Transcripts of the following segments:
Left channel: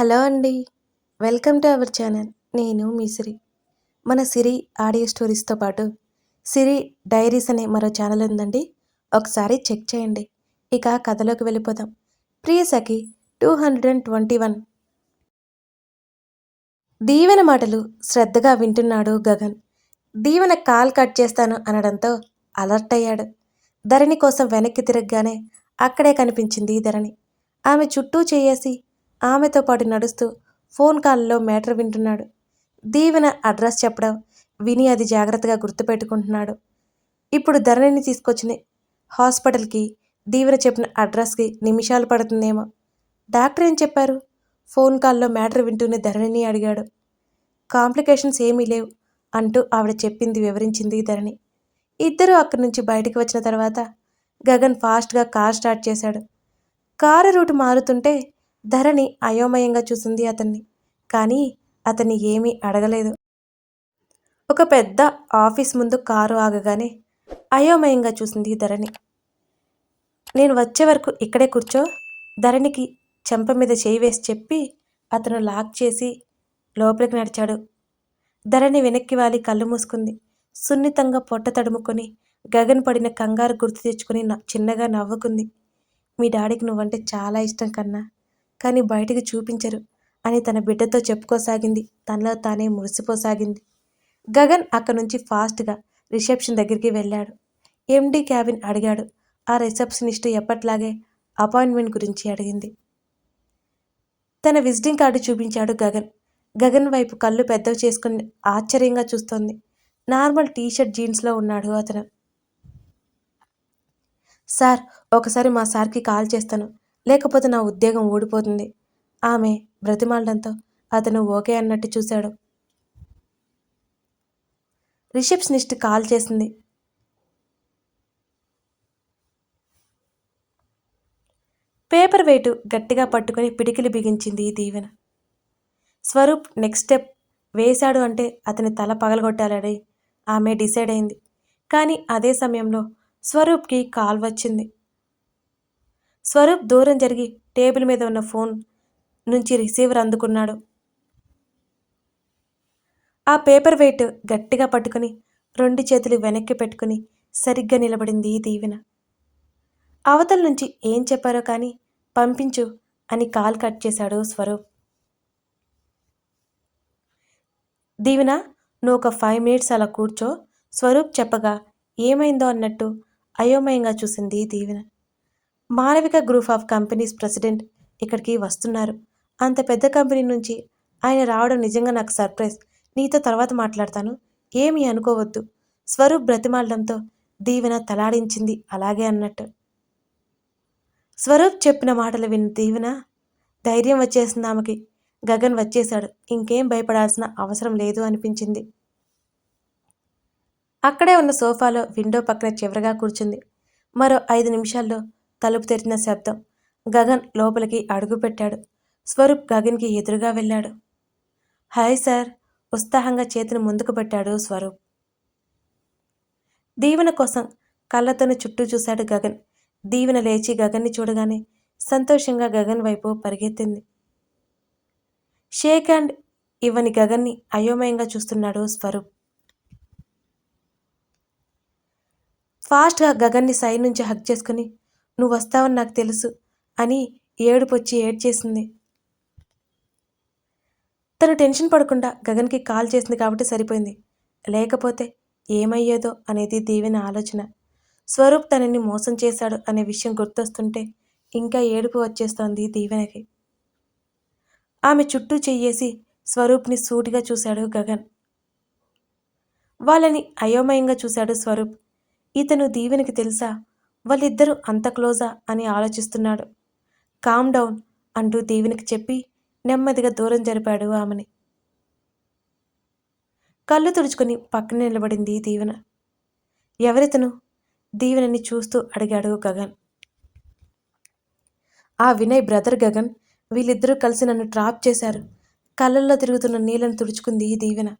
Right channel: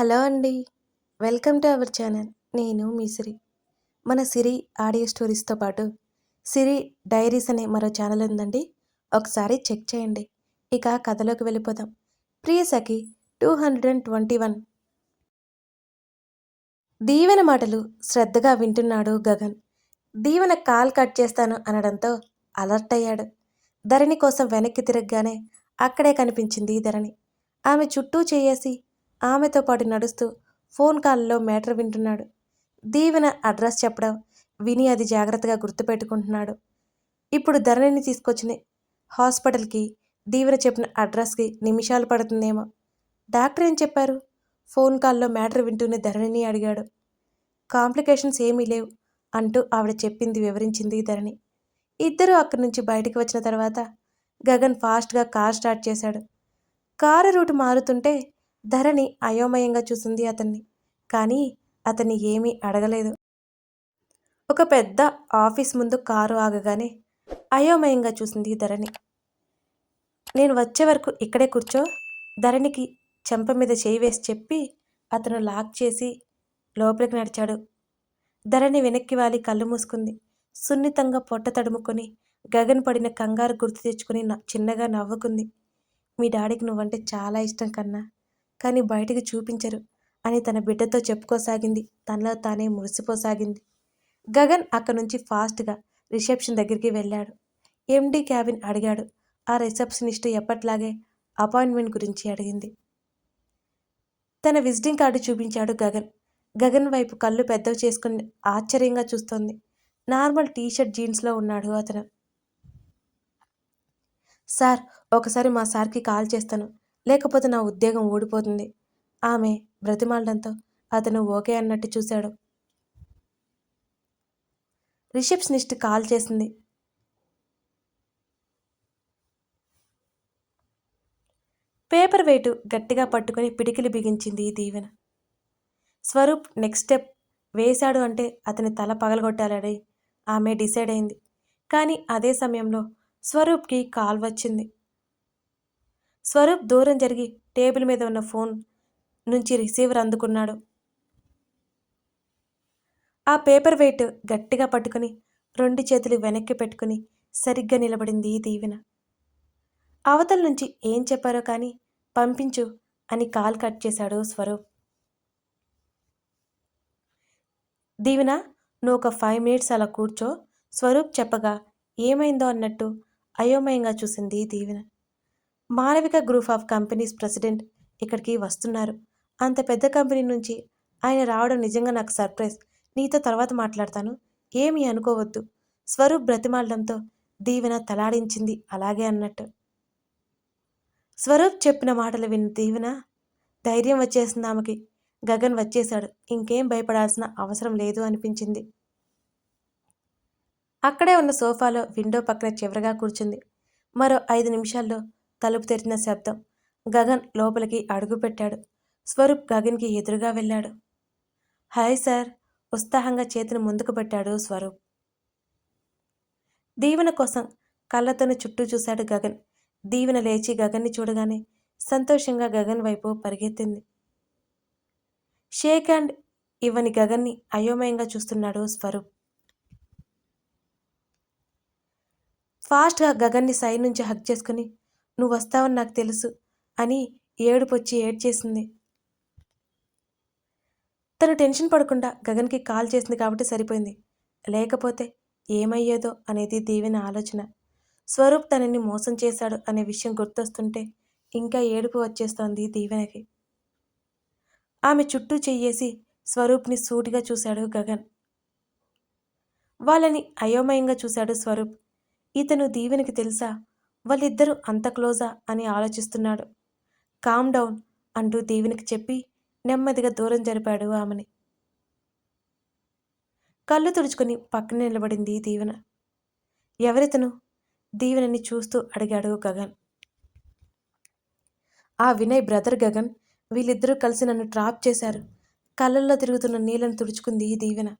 Hello అండి. Welcome to our channel. నేను మీ సిరి. మన సిరి ఆడియో స్టోరీస్తో పాటు సిరి డైరీస్ అనే మరో ఛానల్ ఉందండి. ఒకసారి చెక్ చేయండి. ఇక కథలోకి వెళ్ళిపోదాం. Priya Sakhi two hundred and twenty one. Deevena మాటలు శ్రద్ధగా వింటున్నాడు గగన్. దీవెన కాల్ కట్ చేస్తాను అనడంతో అలర్ట్ అయ్యాడు. ధరణి కోసం వెనక్కి తిరగగానే అక్కడే కనిపించింది ధరణి. ఆమె చుట్టూ చేయేసి ఆమెతో పాటు నడుస్తూ ఫోన్ కాల్లో మ్యాటర్ వింటున్నాడు. దీవెన అడ్రస్ చెప్పడం విని అది జాగ్రత్తగా గుర్తుపెట్టుకుంటున్నాడు. ఇప్పుడు ధరణిని తీసుకొచ్చిన హాస్పిటల్కి దీవెన చెప్పిన అడ్రస్కి నిమిషాలు పడుతుందేమో. డాక్టర్ ఏం చెప్పారు? ఫోన్ కాల్లో మ్యాటర్ వింటూనే ధరణిని అడిగాడు. కాంప్లికేషన్స్ ఏమీ లేవు అంటూ ఆవిడ చెప్పింది వివరించింది ధరణి. ఇద్దరూ అక్కడి నుంచి బయటకు వచ్చిన తర్వాత గగన్ ఫాస్ట్గా కార్ స్టార్ట్ చేశాడు. కారు రూట్ మారుతుంటే ధరణి అయోమయంగా చూసింది అతన్ని కానీ అతన్ని ఏమీ అడగలేదు. ఒక పెద్ద ఆఫీస్ ముందు కారు ఆగగానే అయోమయంగా చూసింది ధరణి. నేను వచ్చే వరకు ఇక్కడే కూర్చో ధరణికి చెంప మీద చేయి వేసి చెప్పి అతను లాక్ చేసి లోపలికి నడిచాడు. ధరణి వెనక్కి వాలి కళ్ళు మూసుకుంది. సున్నితంగా పొట్ట తడుముకొని గగన్ పడిన కంగారు గుర్తు తెచ్చుకుని చిన్నగా నవ్వుకుంది. మీ డాడీకి నువ్వంటే చాలా ఇష్టం కన్నా కానీ బయటికి చూపించరు అని తన బిడ్డతో చెప్పుకోసాగింది. తనలో తానే మురిసిపోసాగింది. గగన్ అక్కడి నుంచి ఫాస్ట్గా రిసెప్షన్ దగ్గరికి వెళ్ళాడు. ఎండీ క్యాబిన్ అడిగాడు. ఆ రిసెప్షనిస్ట్ ఎప్పట్లాగే అపాయింట్మెంట్ గురించి అడిగింది. తన విజిటింగ్ కార్డు చూపించాడు గగన్. గగన్ వైపు కళ్ళు పెద్దవి చేసుకుని ఆశ్చర్యంగా చూస్తోంది. నార్మల్ టీషర్ట్ జీన్స్లో ఉన్నాడు అతను. సార్ ఒకసారి మా సార్కి కాల్ చేస్తాను. లేకపోతే నా ఉద్యోగం ఊడిపోతుంది. ఆమె బ్రతిమాలడంతో అతను ఓకే అన్నట్టు చూశాడు. రిసెప్షనిస్ట్ కాల్ చేసింది. పేపర్ వెయిట్ గట్టిగా పట్టుకొని పిడికిలి బిగించింది దీవెన. స్వరూప్ నెక్స్ట్ స్టెప్ వేశాడు అంటే అతని తల పగలగొట్టాలని ఆమె డిసైడ్ అయింది. కానీ అదే సమయంలో స్వరూప్కి కాల్ వచ్చింది. స్వరూప్ దూరం జరిగి టేబుల్ మీద ఉన్న ఫోన్ నుంచి రిసీవర్ అందుకున్నాడు. ఆ పేపర్ వెయిట్ గట్టిగా పట్టుకుని రెండు చేతులు వెనక్కి పెట్టుకుని సరిగ్గా నిలబడింది దీవెన. అవతల నుంచి ఏం చెప్పారో కానీ పంపించు అని కాల్ కట్ చేశాడు స్వరూప్. దీవెన నువ్వు ఒక ఫైవ్ మినిట్స్ అలా కూర్చో స్వరూప్ చెప్పగా ఏమైందో అన్నట్టు అయోమయంగా చూసింది Deevena. Malavika group of companies president ఇక్కడికి వస్తున్నారు. అంత పెద్ద కంపెనీ నుంచి ఆయన రావడం నిజంగా నాకు సర్ప్రైజ్. నీతో తర్వాత మాట్లాడతాను. ఏమీ అనుకోవద్దు. స్వరూప్ బ్రతిమాలడంతో దీవెన తలాడించింది. అలాగే అన్నట్టు. స్వరూప్ చెప్పిన మాటలు విన్న దీవెన ధైర్యం వచ్చేసింది ఆమెకి. గగన్ వచ్చేశాడు. ఇంకేం భయపడాల్సిన అవసరం లేదు అనిపించింది. అక్కడే ఉన్న సోఫాలో విండో పక్కన చివరగా కూర్చుంది. మరో ఐదు నిమిషాల్లో తలుపు తెరిచిన శబ్దం గగన్ లోపలికి అడుగుపెట్టాడు స్వరూప్ గగన్కి ఎదురుగా వెళ్ళాడు. హాయ్ సార్ ఉత్సాహంగా చేతిని ముందుకు పెట్టాడు స్వరూప్. దీవెన కోసం కళ్ళతోనే చుట్టూ చూశాడు గగన్. దీవెన లేచి గగన్ని చూడగానే సంతోషంగా గగన్ వైపు పరిగెత్తింది. షేక్ హ్యాండ్ ఇవ్వని గగన్ని అయోమయంగా చూస్తున్నాడు స్వరూప్. ఫాస్ట్గా గగన్ని సైడ్ నుంచి హక్ చేసుకుని నువ్వు వస్తావని నాకు తెలుసు అని ఏడుపొచ్చి ఏడ్చేసింది. తను టెన్షన్ పడకుండా గగన్కి కాల్ చేసింది కాబట్టి సరిపోయింది. లేకపోతే ఏమయ్యేదో అనేది దీవెన ఆలోచన. స్వరూప్ తనని మోసం చేశాడు అనే విషయం గుర్తొస్తుంటే ఇంకా ఏడుపు వచ్చేస్తోంది దీవెనకి. ఆమె చుట్టూ చెయ్యేసి స్వరూప్ని సూటిగా చూశాడు గగన్. వాళ్ళని అయోమయంగా చూశాడు స్వరూప్. ఇతను దీవెనకి తెలుసా? వాళ్ళిద్దరూ అంత క్లోజా అని ఆలోచిస్తున్నాడు. కామ్ డౌన్ అంటూ దీవెనకి చెప్పి నెమ్మదిగా దూరం జరిపాడు ఆమెని. కళ్ళు తుడుచుకుని పక్కన నిలబడింది దీవెన. ఎవరితను? దీవెనని చూస్తూ అడిగాడు గగన్. ఆ వినయ్ బ్రదర్ గగన్. వీళ్ళిద్దరూ కలిసి నన్ను ట్రాప్ చేశారు. కళ్ళల్లో తిరుగుతున్న నీళ్ళను తుడుచుకుంది Deevena.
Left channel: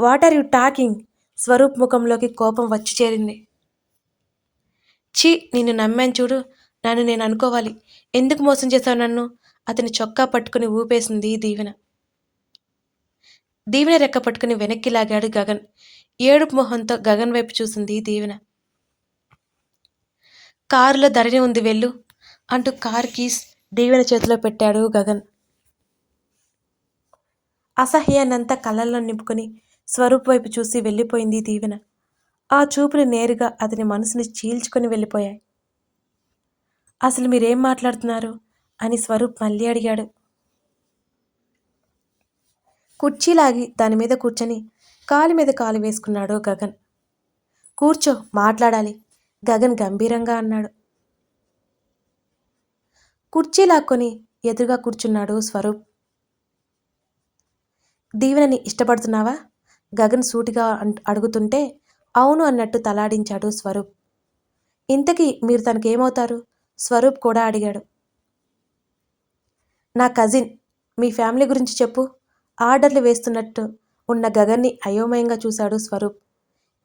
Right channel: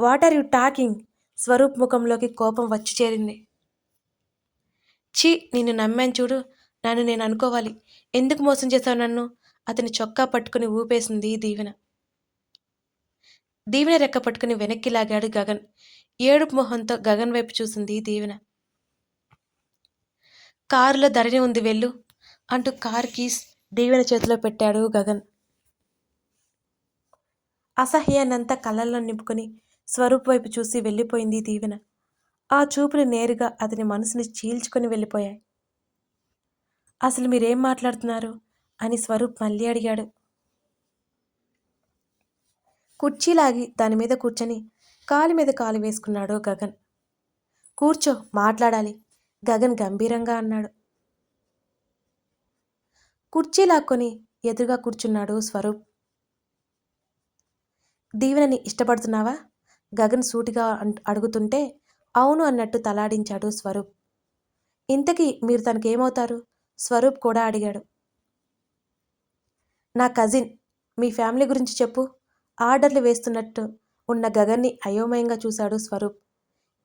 What are you talking? Swaroop ముఖంలోకి కోపం వచ్చి చేరింది. ఛీ నిన్ను నమ్మాను చూడు. నన్ను నేను అనుకోవాలి. ఎందుకు మోసం చేశావు నన్ను? అతని చొక్కా పట్టుకుని ఊపేసింది దీవెన. దీవెన రెక్క పట్టుకుని వెనక్కి లాగాడు గగన్. ఏడుపు మొహంతో గగన్ వైపు చూసింది దీవెన. కారులో ధరణి ఉంది వెళ్ళు అంటూ కార్ కీస్ దీవెన చేతిలో పెట్టాడు గగన్. అసహ్యాన్నంతా కళ్ళల్లో నింపుకొని స్వరూప్ వైపు చూసి వెళ్ళిపోయింది దీవెన. ఆ చూపులు నేరుగా అతని మనసుని చీల్చుకొని వెళ్ళిపోయాయి. అసలు మీరేం మాట్లాడుతున్నారు? అని స్వరూప్ మళ్ళీ అడిగాడు. కుర్చీలాగి దాని మీద కూర్చొని కాలు మీద కాలు వేసుకున్నాడు గగన్. కూర్చో మాట్లాడాలి గగన్ గంభీరంగా అన్నాడు. కుర్చీ లాక్కొని ఎదురుగా కూర్చున్నాడు స్వరూప్. దీవెనని ఇష్టపడుతున్నావా? గగన్ సూటిగా అడుగుతుంటే అవును అన్నట్టు తలాడించాడు స్వరూప్. ఇంతకీ మీరు తనకేమవుతారు? స్వరూప్ కూడా అడిగాడు. నా కజిన్ మీ ఫ్యామిలీ గురించి చెప్పు. ఆర్డర్లు వేస్తున్నట్టు ఉన్న గగన్ని అయోమయంగా చూశాడు స్వరూప్.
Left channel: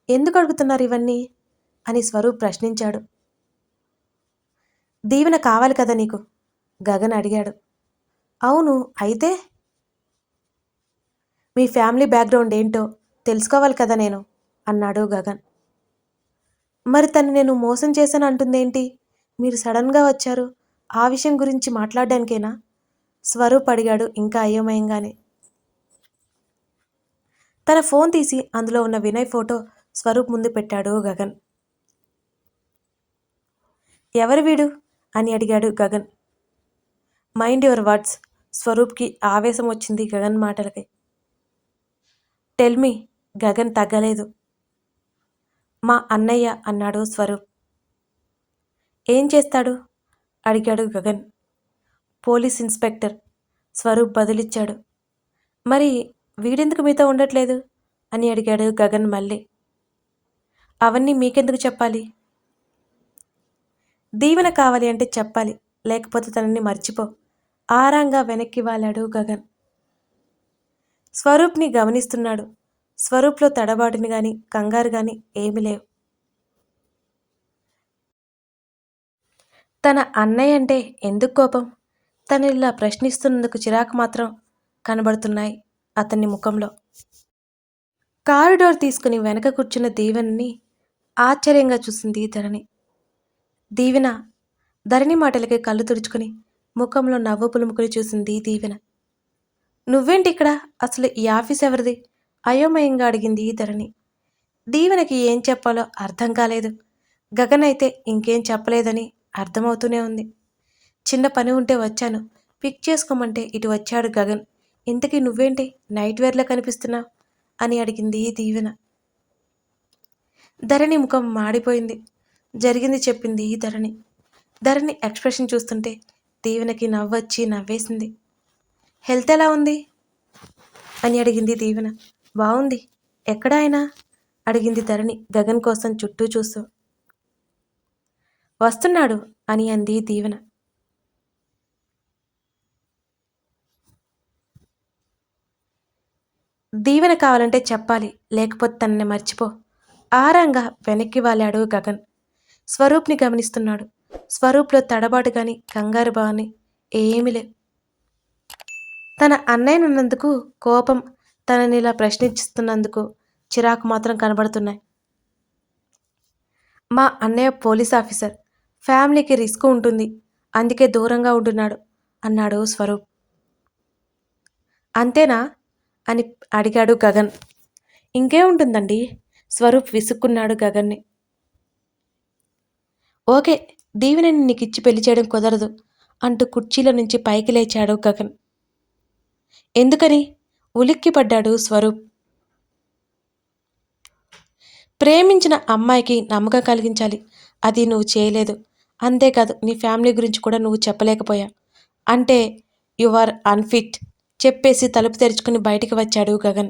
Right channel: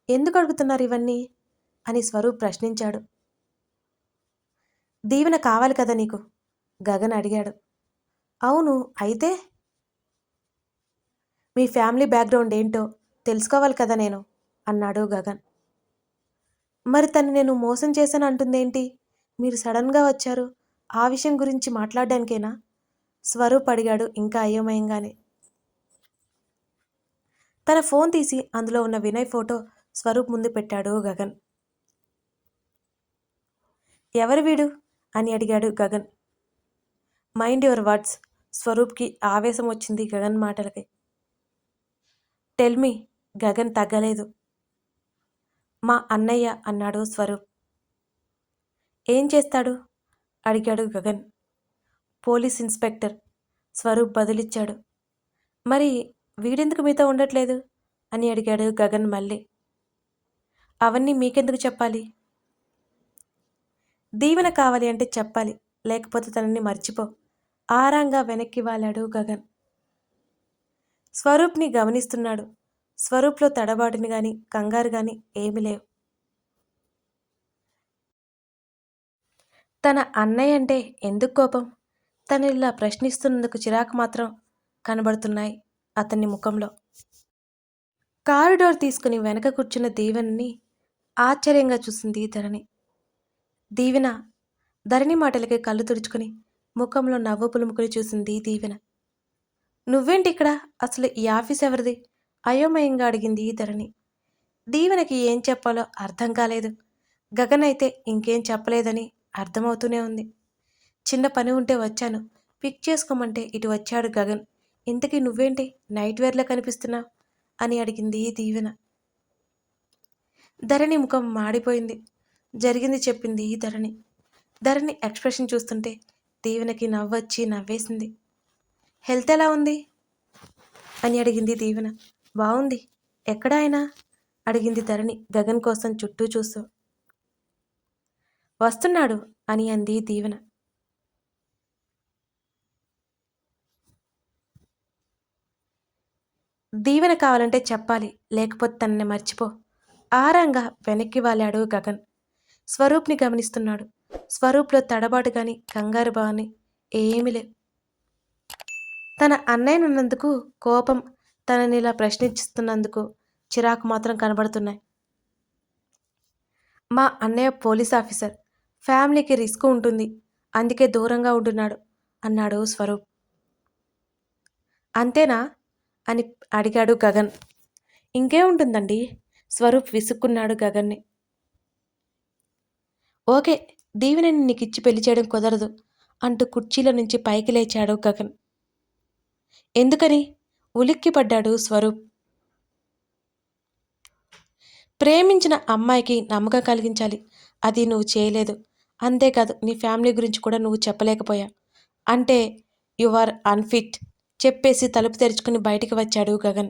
ఎందుకు అడుగుతున్నారు ఇవన్నీ? అని స్వరూప్ ప్రశ్నించాడు. దీవెన కావాలి కదా నీకు? గగన్ అడిగాడు. అవును అయితే మీ ఫ్యామిలీ బ్యాక్గ్రౌండ్ ఏంటో తెలుసుకోవాలి కదా నేను? అన్నాడు గగన్. మరి తను నేను మోసం చేశాను అంటుందేంటి? మీరు సడన్గా వచ్చారు. ఆ విషయం గురించి మాట్లాడడానికేనా? స్వరూప్ అడిగాడు ఇంకా అయోమయంగానే. తన ఫోన్ తీసి అందులో ఉన్న వినయ్ ఫోటో స్వరూప్ ముందు పెట్టాడు గగన్. ఎవరు వీడు? అని అడిగాడు గగన్. Mind your words. స్వరూప్కి ఆవేశం వచ్చింది గగన్ మాటలకి. టెల్మి గగన్ తగ్గలేదు. మా అన్నయ్య అన్నాడు స్వరూప్. ఏం చేస్తాడు? అడిగాడు గగన్. పోలీస్ ఇన్స్పెక్టర్ స్వరూప్ బదులిచ్చాడు. మరి వీడెందుకు మీతో ఉండట్లేదు? అని అడిగాడు గగన్ మళ్ళీ. అవన్నీ మీకెందుకు చెప్పాలి? దీవెన కావాలి అంటే చెప్పాలి లేకపోతే తనని మర్చిపో. ఆరాంగా వెనక్కి వాలాడు గగన్. స్వరూప్ని గమనిస్తున్నాడు. స్వరూప్లో తడబాటుని గాని కంగారు గాని ఏమీ లేవు. తన అన్నయ్య అంటే ఎందుకు కోపం? తను ఇలా ప్రశ్నిస్తున్నందుకు చిరాకు మాత్రం కనబడుతున్నాయి అతని ముఖంలో. కారు డోర్ తీసుకుని వెనక కూర్చున్న దీవెనని ఆశ్చర్యంగా చూసింది ధరణి. దీవెన ధరణి మాటలకి కళ్ళు తుడుచుకుని ముఖంలో నవ్వు పులుముకుని చూసింది దీవెన. నువ్వేంటి ఇక్కడ అసలు ఈ ఆఫీస్ ఎవరిది? అయోమయంగా అడిగింది ధరణి. దీవెనకి ఏం చెప్పాలో అర్థం కాలేదు. గగన్ అయితే ఇంకేం చెప్పలేదని అర్థమవుతూనే ఉంది. చిన్న పని ఉంటే వచ్చాను. పిక్ చేసుకోమంటే ఇటు వచ్చాడు గగన్. ఇంతకీ నువ్వేంటి? నైట్ వేర్లా కనిపిస్తున్నావు అని అడిగింది దీవెన. ధరణి ముఖం మాడిపోయింది. జరిగింది చెప్పింది ధరణి. ధరణి ఎక్స్ప్రెషన్ చూస్తుంటే దీవెనకి నవ్వొచ్చి నవ్వేసింది. హెల్త్ ఎలా ఉంది? అని అడిగింది దీవెన. బాగుంది ఎక్కడ ఆయన? అడిగింది ధరణి గగన్ కోసం చుట్టూ చూస్తూ. వస్తున్నాడు అని అంది దీవెన. దీవెన కావాలంటే చెప్పాలి లేకపోతే తనని మర్చిపో. ఆరంగా వెనక్కి వాలాడు గగన్. స్వరూప్ని గమనిస్తున్నాడు. స్వరూప్లో తడబాటు కానీ కంగారు బాని ఏమీ లేవు తన అన్నయ్యనున్నందుకు కోపం తనని ఇలా ప్రశ్నిస్తున్నందుకు చిరాకు మాత్రం కనబడుతున్నాయి. మా అన్నయ్య పోలీస్ ఆఫీసర్. ఫ్యామిలీకి రిస్క్ ఉంటుంది. అందుకే దూరంగా ఉంటున్నాడు అన్నాడు స్వరూప్. అంతేనా? అని అడిగాడు గగన్. ఇంకే ఉంటుందండి? స్వరూప్ విసుక్కున్నాడు గగన్ని. ఓకే దీవెనని నీకు ఇచ్చి పెళ్ళి చేయడం కుదరదు అంటూ కుర్చీలో నుంచి పైకి లేచాడు గగన్. ఎందుకని? ఉలిక్కిపడ్డాడు స్వరూప్. ప్రేమించిన అమ్మాయికి నమ్మకం కలిగించాలి. అది నువ్వు చేయలేదు. అంతేకాదు నీ ఫ్యామిలీ గురించి కూడా నువ్వు చెప్పలేకపోయా. అంటే యు ఆర్ అన్ఫిట్ చెప్పేసి తలుపు తెరుచుకుని బయటికి వచ్చాడు గగన్.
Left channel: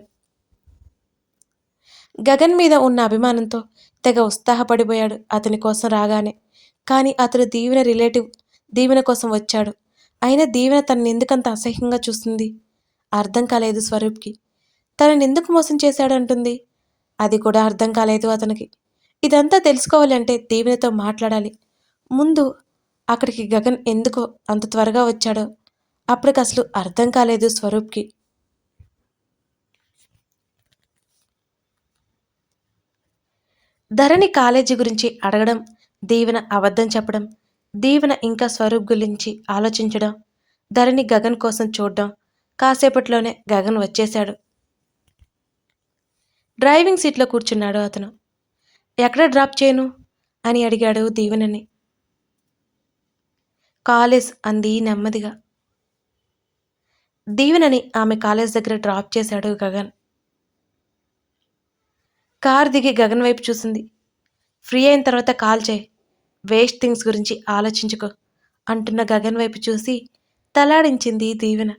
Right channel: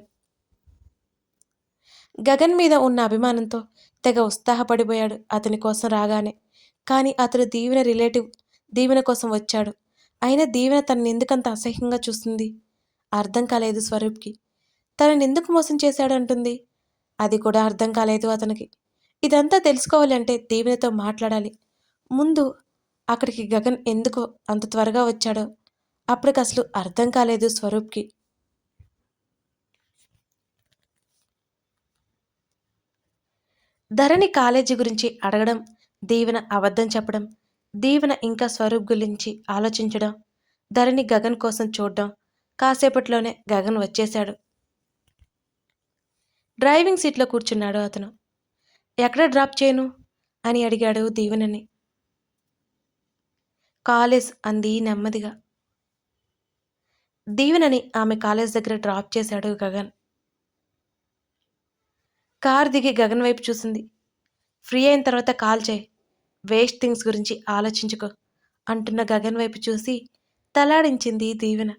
గగన్ మీద ఉన్న అభిమానంతో తెగ ఉత్సాహపడిపోయాడు అతని కోసం రాగానే. కానీ అతడు దీవెన రిలేటివ్ దీవెన కోసం వచ్చాడు. అయినా దీవెన తనని ఎందుకంత అసహ్యంగా చూస్తుంది? అర్థం కాలేదు స్వరూప్కి. తనని ఎందుకు మోసం చేశాడంటుంది? అది కూడా అర్థం కాలేదు అతనికి. ఇదంతా తెలుసుకోవాలంటే దీవెనతో మాట్లాడాలి. ముందు అక్కడికి గగన్ ఎందుకో అంత త్వరగా వచ్చాడో. అప్పటికి అసలు అర్థం కాలేదు స్వరూప్కి. ధరణి కాలేజీ గురించి అడగడం దీవెన అబద్ధం చెప్పడం దీవెన ఇంకా స్వరూప్ గురించి ఆలోచించడం ధరణి గగన్ కోసం చూడడం కాసేపట్లోనే గగన్ వచ్చేశాడు. డ్రైవింగ్ సీట్లో కూర్చున్నాడు అతను. ఎక్కడ డ్రాప్ చేయను? అని అడిగాడు దీవెనని. కాలేజ్ అంది నెమ్మదిగా. దీవెనని ఆమె కాలేజ్ దగ్గర డ్రాప్ చేశాడు గగన్. కార్ దిగి గగన్ వైపు చూసింది. ఫ్రీ అయిన తర్వాత కాల్ చేయి. వేస్ట్ థింగ్స్ గురించి ఆలోచించుకో అంటున్న గగన్ వైపు చూసి తలాడించింది దీవెన.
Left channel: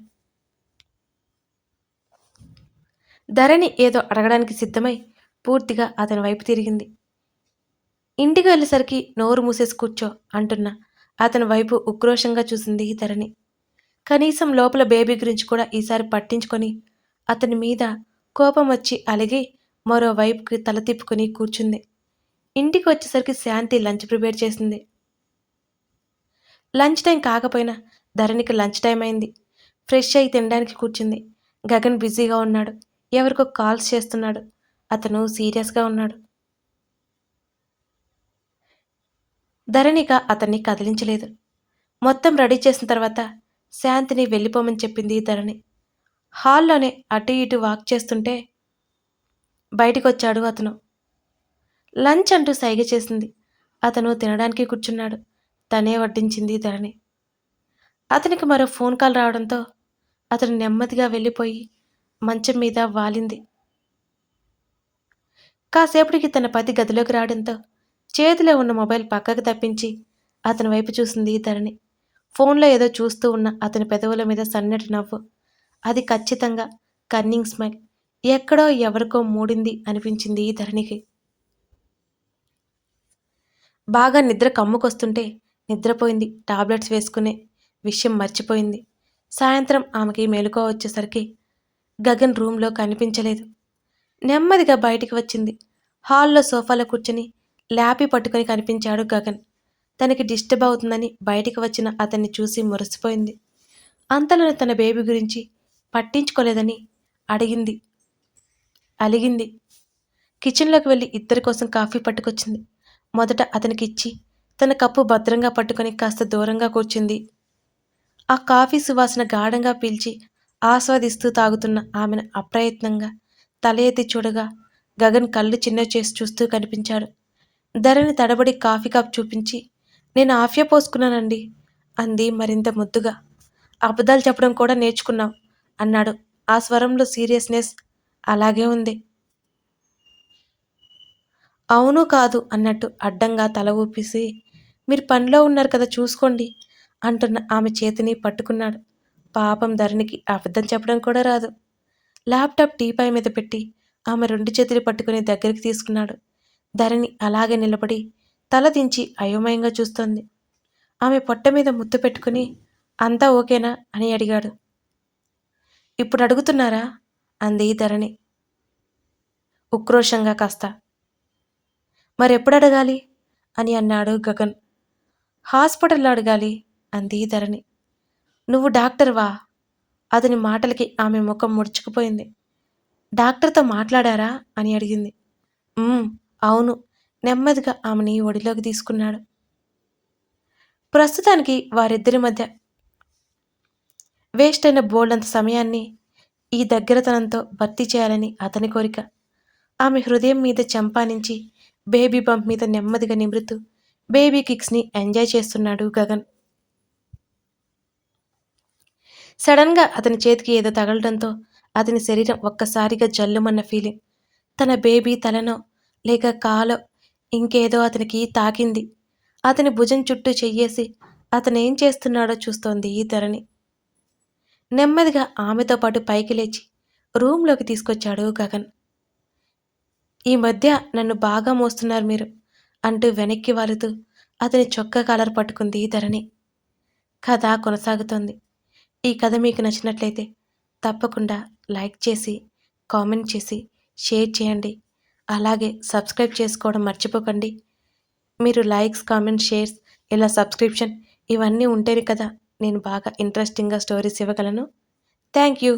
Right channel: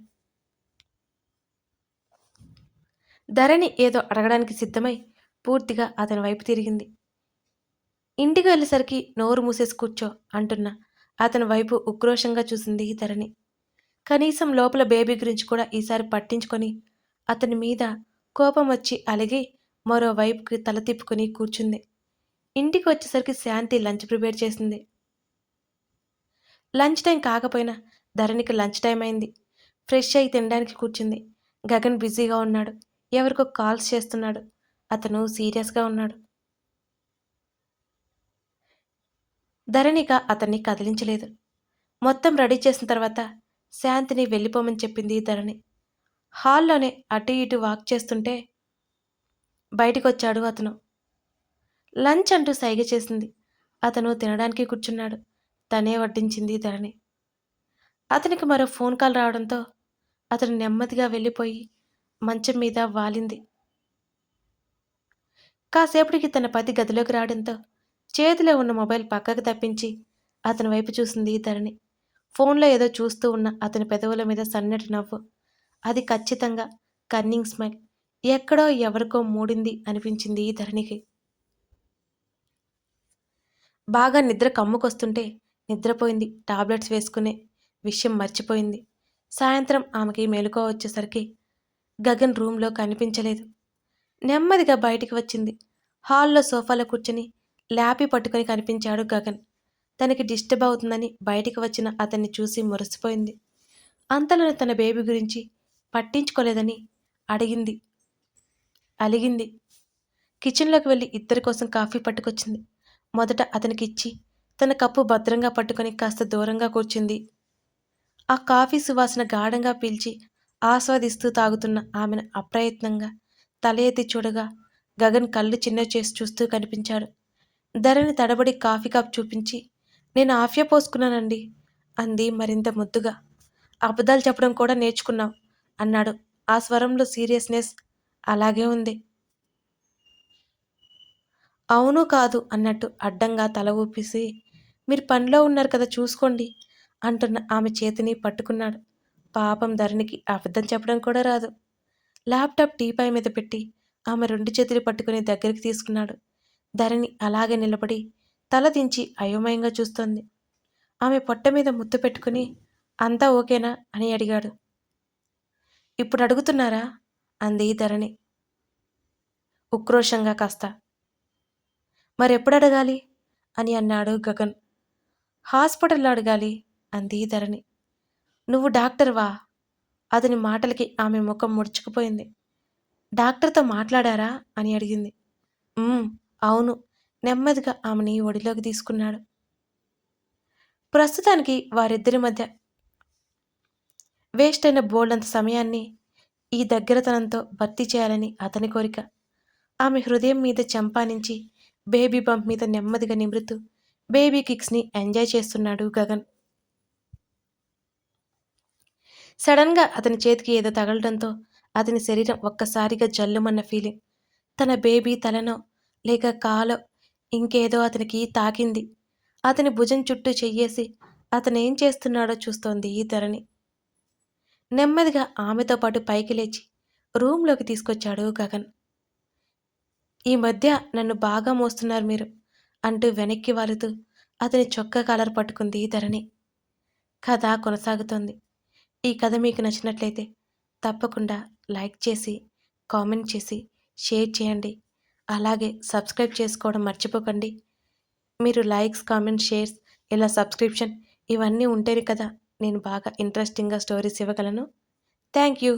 ధరణి ఏదో అడగడానికి సిద్ధమై పూర్తిగా అతని వైపు తిరిగింది. ఇంటికి వెళ్ళేసరికి నోరు మూసేసి కూర్చో అంటున్న అతని వైపు ఉక్రోషంగా చూసింది ధరణి. కనీసం లోపల బేబీ గురించి కూడా ఈసారి పట్టించుకొని అతని మీద కోపం వచ్చి అలిగి మరోవైపుకి తల తిప్పుకుని కూర్చుంది. ఇంటికి వచ్చేసరికి శాంతి లంచ్ ప్రిపేర్ చేసింది. లంచ్ టైం కాకపోయినా ధరణికి లంచ్ టైం అయింది. ఫ్రెష్ అయి తినడానికి కూర్చుంది. గగన్ బిజీగా ఉన్నాడు. ఎవరికో కాల్స్ చేస్తున్నాడు. అతను సీరియస్గా ఉన్నాడు. ధరణిక అతన్ని కదిలించలేదు. మొత్తం రెడీ చేసిన తర్వాత శాంతిని వెళ్ళిపోమని చెప్పింది ధరణి. హాల్లోనే అటు ఇటు వాక్ చేస్తుంటే బయటికొచ్చాడు అతను. లంచ్ అంటూ సైగ చేసింది. అతను తినడానికి కూర్చున్నాడు. తనే వడ్డించింది ధరణి. అతనికి మరో ఫోన్ కాల్ రావడంతో అతను నెమ్మదిగా వెళ్ళిపోయి మంచం మీద వాలింది. కాసేపటికి తన పతి గదిలోకి రావడంతో చేతిలో ఉన్న మొబైల్ పక్కకు తప్పించి అతని వైపు చూసింది ధరణి ఫోన్లో ఏదో చూస్తూ ఉన్న అతని పెదవుల మీద సన్నటి నవ్వు. అది ఖచ్చితంగా కన్నింగ్ స్మైల్. ఎక్కడో ఎవరికో మూడింది అనిపించింది ఈ ధరణికి బాగా నిద్ర కమ్ముకొస్తుంటే నిద్రపోయింది టాబ్లెట్స్ వేసుకునే విషయం మర్చిపోయింది. సాయంత్రం ఆమెకి మెలకువ వచ్చేసరికి గగన్ రూమ్లో కనిపించలేదు. నెమ్మదిగా బయటికి వచ్చింది. హాల్లో సోఫాలో కూర్చుని ల్యాపి పట్టుకొని కనిపించాడు గగన్. తనకి డిస్టర్బ్ అవుతుందని బయటికి వచ్చిన అతన్ని చూసి మురిసిపోయింది. అంతలోనే తన బేబీ గురించి పట్టించుకోలేదని అడిగింది. అలిగింది. కిచెన్లోకి వెళ్ళి ఇద్దరి కోసం కాఫీ పట్టుకొచ్చింది. మొదట అతనికి ఇచ్చి తన కప్పు భద్రంగా పట్టుకొని కాస్త దూరంగా కూర్చుంది. ఆ కాఫీ సువాసన గాఢంగా పీల్చి ఆస్వాదిస్తూ తాగుతున్న ఆమెను అప్రయత్నంగా తల ఎత్తి చూడగా గగన్ కళ్ళు చిన్న చేసి చూస్తూ కనిపించాడు. ధరని తడబడి కాఫీ కప్ చూపించి నేను ఆఫ్య పోసుకున్నానండి అంది మరింత ముద్దుగా. అబద్ధాలు చెప్పడం కూడా నేర్చుకున్నాం అన్నాడు. ఆ స్వరంలో సీరియస్నెస్ అలాగే ఉంది. అవును కాదు అన్నట్టు అడ్డంగా తల ఊపిసి మీరు పనిలో ఉన్నారు కదా చూసుకోండి అంటున్న ఆమె చేతిని పట్టుకున్నాడు. పాపం ధరణికి అబద్ధం చెప్పడం కూడా రాదు. ల్యాప్టాప్ టీపాయ్ మీద పెట్టి ఆమె రెండు చేతులు పట్టుకుని దగ్గరికి తీసుకున్నాడు. ధరణి అలాగే నిలబడి తల దించి అయోమయంగా చూస్తోంది. ఆమె పొట్ట మీద ముద్దు పెట్టుకుని అంతా ఓకేనా? అని అడిగాడు. ఇప్పుడు అడుగుతున్నారా? అంది ధరణి. ఉక్రోషంగా కాస్త. మరెప్పుడు అడగాలి? అని అన్నాడు గగన్. హాస్పిటల్లో అడగాలి అంది ధరణి. నువ్వు డాక్టర్వా అతని మాటలకి ఆమె ముఖం ముడుచుకుపోయింది. డాక్టర్తో మాట్లాడారా? అని అడిగింది. అవును. నెమ్మదిగా ఆమెని ఒడిలోకి తీసుకున్నాడు. ప్రస్తుతానికి వారిద్దరి మధ్య వేస్ట్ అయిన బోల్డంత సమయాన్ని ఈ దగ్గరతనంతో భర్తీ చేయాలని అతని కోరిక. ఆమె హృదయం మీద చంపానించి బేబీ బంప్ మీద నెమ్మదిగా నిమృతూ బేబీ కిక్స్ని ఎంజాయ్ చేస్తున్నాడు గగన్. సడన్గా అతని చేతికి ఏదో తగలడంతో అతని శరీరం ఒక్కసారిగా జల్లుమన్న ఫీలింగ్. తన బేబీ తలనో లేక కాలో ఇంకేదో అతనికి తాకింది. అతని భుజం చుట్టూ చెయ్యేసి అతనేం చేస్తున్నాడో చూస్తోంది ఈ ధరణి. నెమ్మదిగా ఆమెతో పాటు పైకి లేచి రూమ్లోకి తీసుకొచ్చాడు గగన్. ఈ మధ్య నన్ను బాగా మోస్తున్నారు మీరు అంటూ వెనక్కి వాలుతూ అతని చొక్కా కాలర్ పట్టుకుంది ధరణి. కథ కొనసాగుతోంది. ఈ కథ మీకు నచ్చినట్లయితే తప్పకుండా లైక్ చేసి కామెంట్ చేసి షేర్ చేయండి. అలాగే సబ్స్క్రైబ్ చేసుకోవడం మర్చిపోకండి. మీరు లైక్స్ కామెంట్ షేర్స్ ఇలా సబ్స్క్రిప్షన్ ఇవన్నీ ఉంటేనే కదా నేను బాగా ఇంట్రెస్టింగ్గా స్టోరీస్ ఇవ్వగలను. Thank you.